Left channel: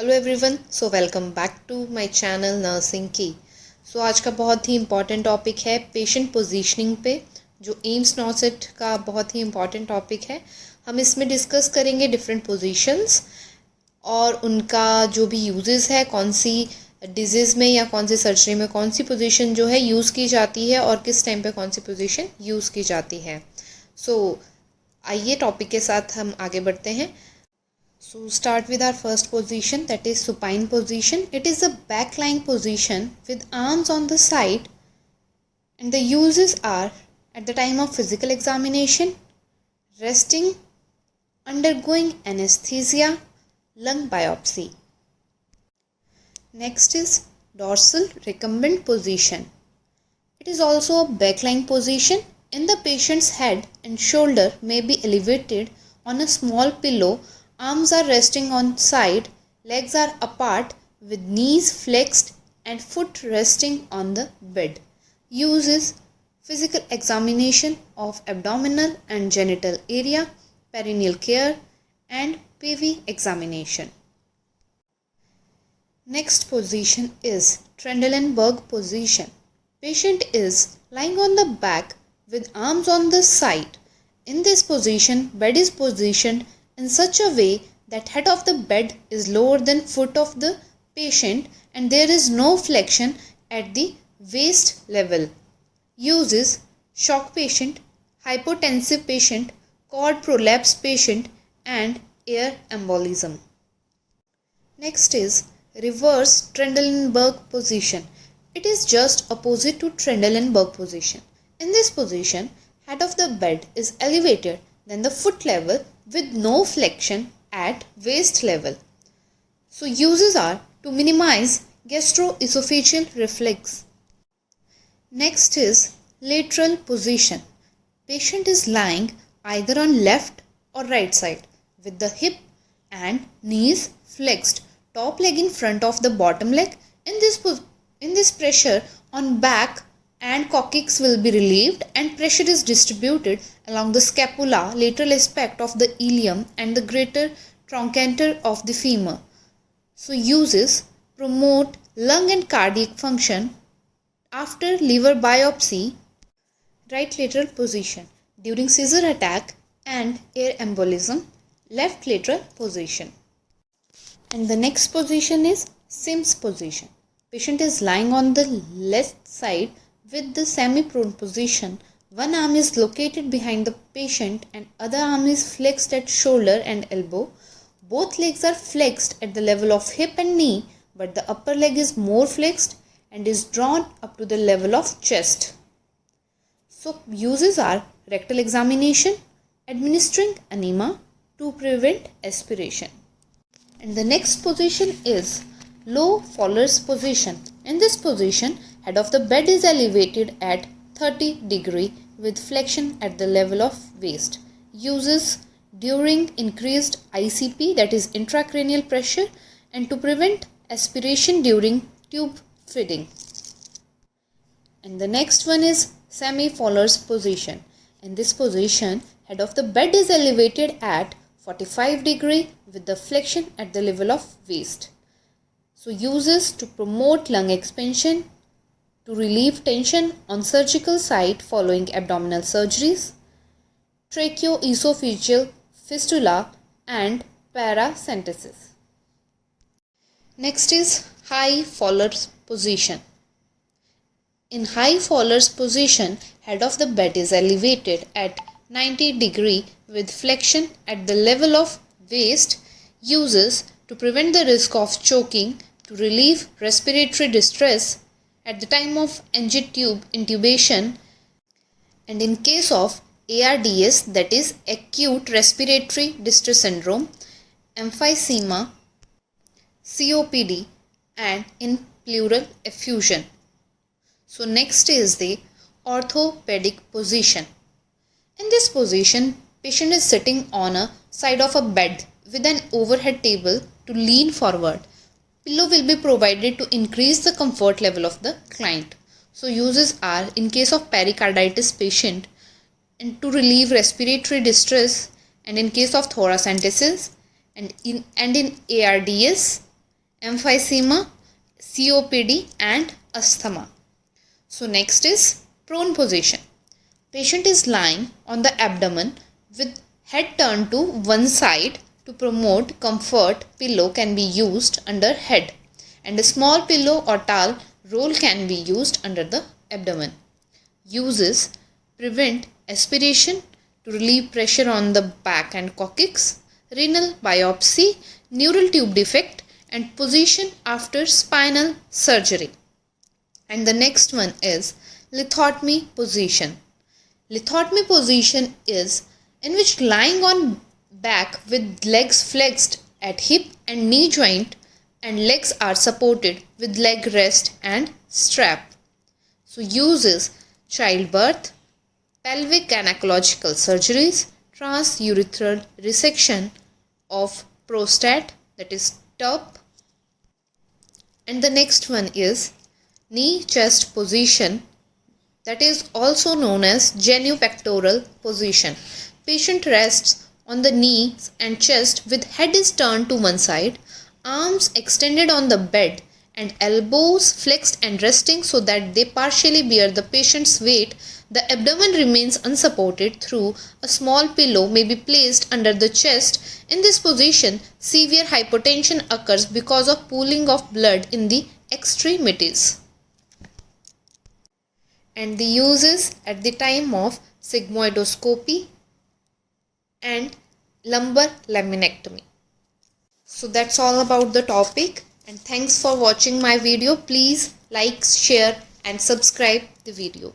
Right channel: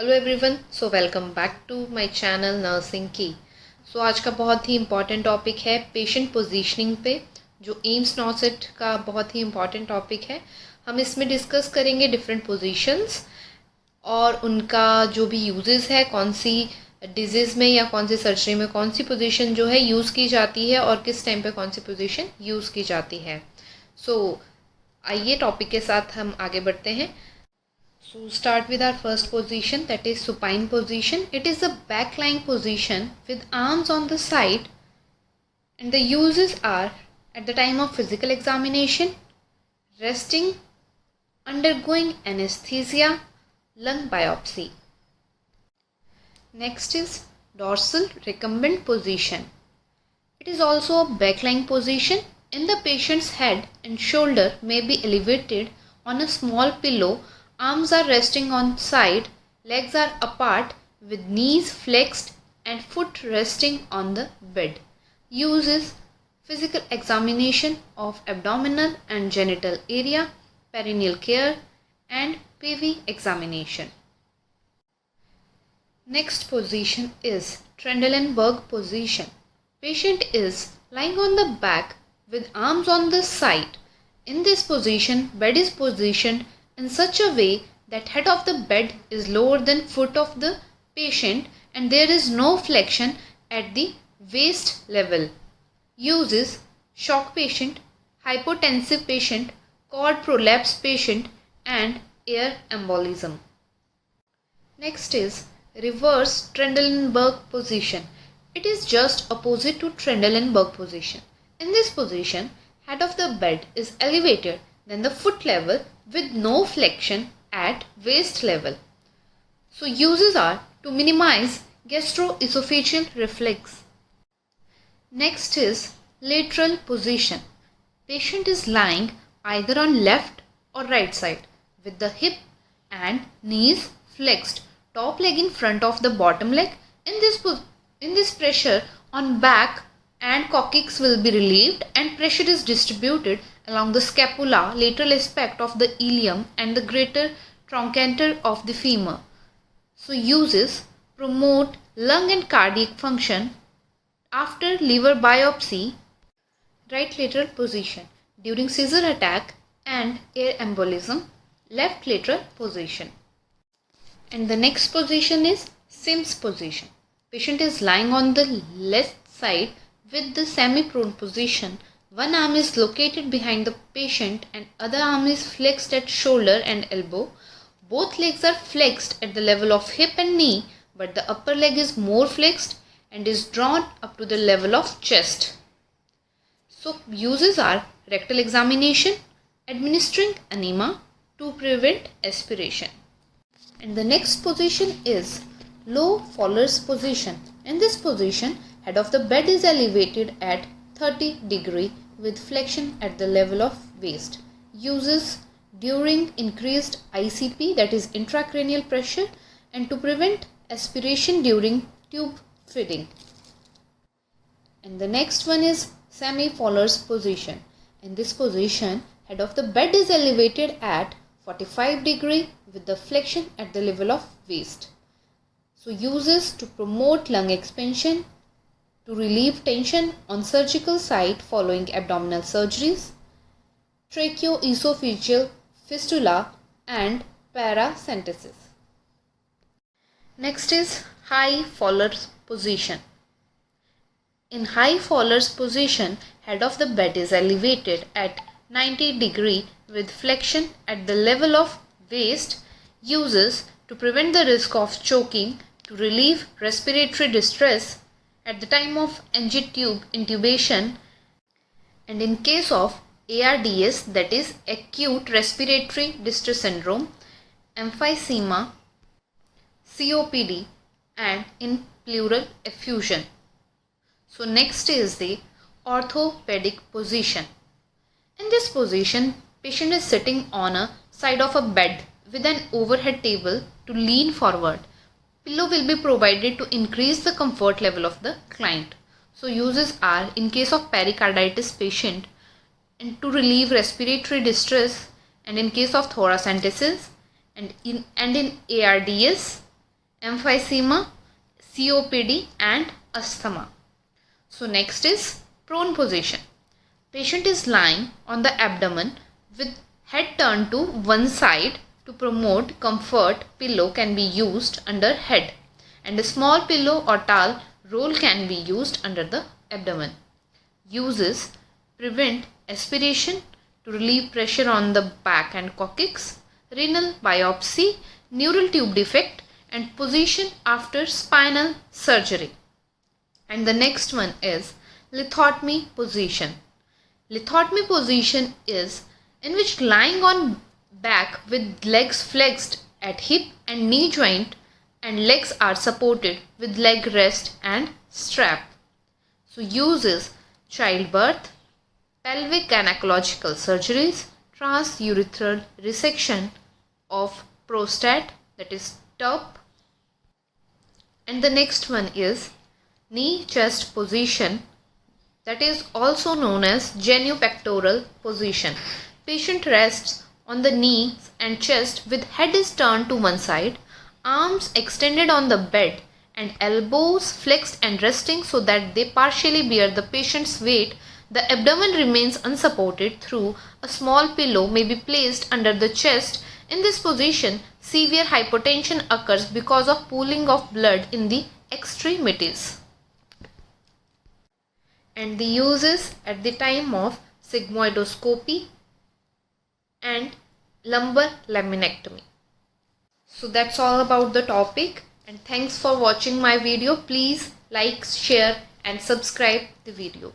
Hello everyone, so welcome back to my channel nursing की। So आज का बहुत ही इम्पॉर्टेंट टॉपिक है पेशेंट पोजीशनिंग पे, जो एम्स नॉर्सेट का बहुत ही इम्पॉर्टेंट टॉपिक है। हम इसमें डिस्कस करेंगे डिफरेंट पोजीशंस और उनका जो भी यूजेस है, कौन सी डिजीज़ में या कौन सी सर्जरी में कौन सी पोजीशन जो है यूज़ की जाती है और किस टाइम पे कौन सी पोजीशन यूज़ की जाती है। सो आइए टॉपिक के साथ हम आगे बढ़ते हैं। So start with our first position, that is supine position. It is a back lying position with arms on the side, and the uses are at the time of physical examination, resting, undergoing anesthesia, lung biopsy. Next is dorsal recumbent position. It is also a back lying position. In the patient's head and shoulder may be elevated on a small pillow. Arms are resting on side, legs are apart with knees flexed and foot resting on the bed. Uses physical examination of abdominal and genital area, perineal care and PV examination. Next position is Trendelenburg position. Patient is lying on the back with arms on the side. In this position, bed is positioned in such a way that head of the bed is lower than foot of the patient and there is no flexion at the waist level. Uses shock patient, hypotensive patient, cord prolapse patient and air embolism. Next is reverse Trendelenburg position. It is just opposite to Trendelenburg position. In this position, head of the bed is elevated than the foot level with no flexion at waist level. So uses are to minimize gastroesophageal reflex. Next is lateral position. Patient is lying either on left or right side with the hip and knees flexed, top leg in front of the bottom leg. In this pressure on back and coccyx will be relieved and pressure is distributed along the scapula, lateral aspect of the ilium and the greater trochanter of the femur. So uses promote lung and cardiac function after liver biopsy, right lateral position during seizure attack and air embolism, left lateral position. And the next position is AIIMS position. Patient is lying on the left side with the semi-prone position. One arm is located behind the patient and other arm is flexed at shoulder and elbow. Both legs are flexed at the level of hip and knee, but the upper leg is more flexed and is drawn up to the level of chest. So uses are rectal examination, administering enema to prevent aspiration. And the next position is low Fowler's position. In this position, head of the bed is elevated at 30 degree with flexion at the level of waist. Uses during increased ICP, that is intracranial pressure, and to prevent aspiration during tube feeding. And the next one is semi-Fowler's position. In this position, head of the bed is elevated at 45 degree with the flexion at the level of waist. So uses to promote lung expansion, to relieve tension on surgical site following abdominal surgeries, tracheoesophageal fistula and paracentesis. Next is high Fowler's position. In high Fowler's position, head of the bed is elevated at 90 degree with flexion at the level of waist. Uses to prevent the risk of choking, to relieve respiratory distress at the time of NG tube intubation, and in case of ARDS, that is acute respiratory distress syndrome, emphysema, COPD and in pleural effusion. So next is the orthopedic position. In this position, patient is sitting on a side of a bed with an overhead table to lean forward. Pillow will be provided to increase the comfort level of the client. So uses are in case of pericarditis patient and to relieve respiratory distress, and in case of thoracentesis and in ARDS emphysema, COPD and asthma. So next is prone position. Patient is lying on the abdomen with head turned to one side. To promote comfort, pillow can be used under head and a small pillow or towel roll can be used under the abdomen. Uses: prevent aspiration, to relieve pressure on the back and coccyx, renal biopsy, neural tube defect and position after spinal surgery. And the next one is lithotomy position. Lithotomy position is in which lying on back with legs flexed at hip and knee joint and legs are supported with leg rest and strap. So uses: childbirth, pelvic gynecological surgeries, transurethral resection of prostate, that is TURP. And the next one is knee chest position, that is also known as genupectoral position. Patient rests on the knees and chest with head is turned to one side, arms extended on the bed and elbows flexed and resting so that they partially bear the patient's weight. The abdomen remains unsupported through a small pillow may be placed under the chest. In this position, severe hypotension occurs because of pooling of blood in the extremities. And the uses at the time of sigmoidoscopy and lumbar laminectomy. So that's all about the topic, and thanks for watching my video. Please like, share and subscribe the video.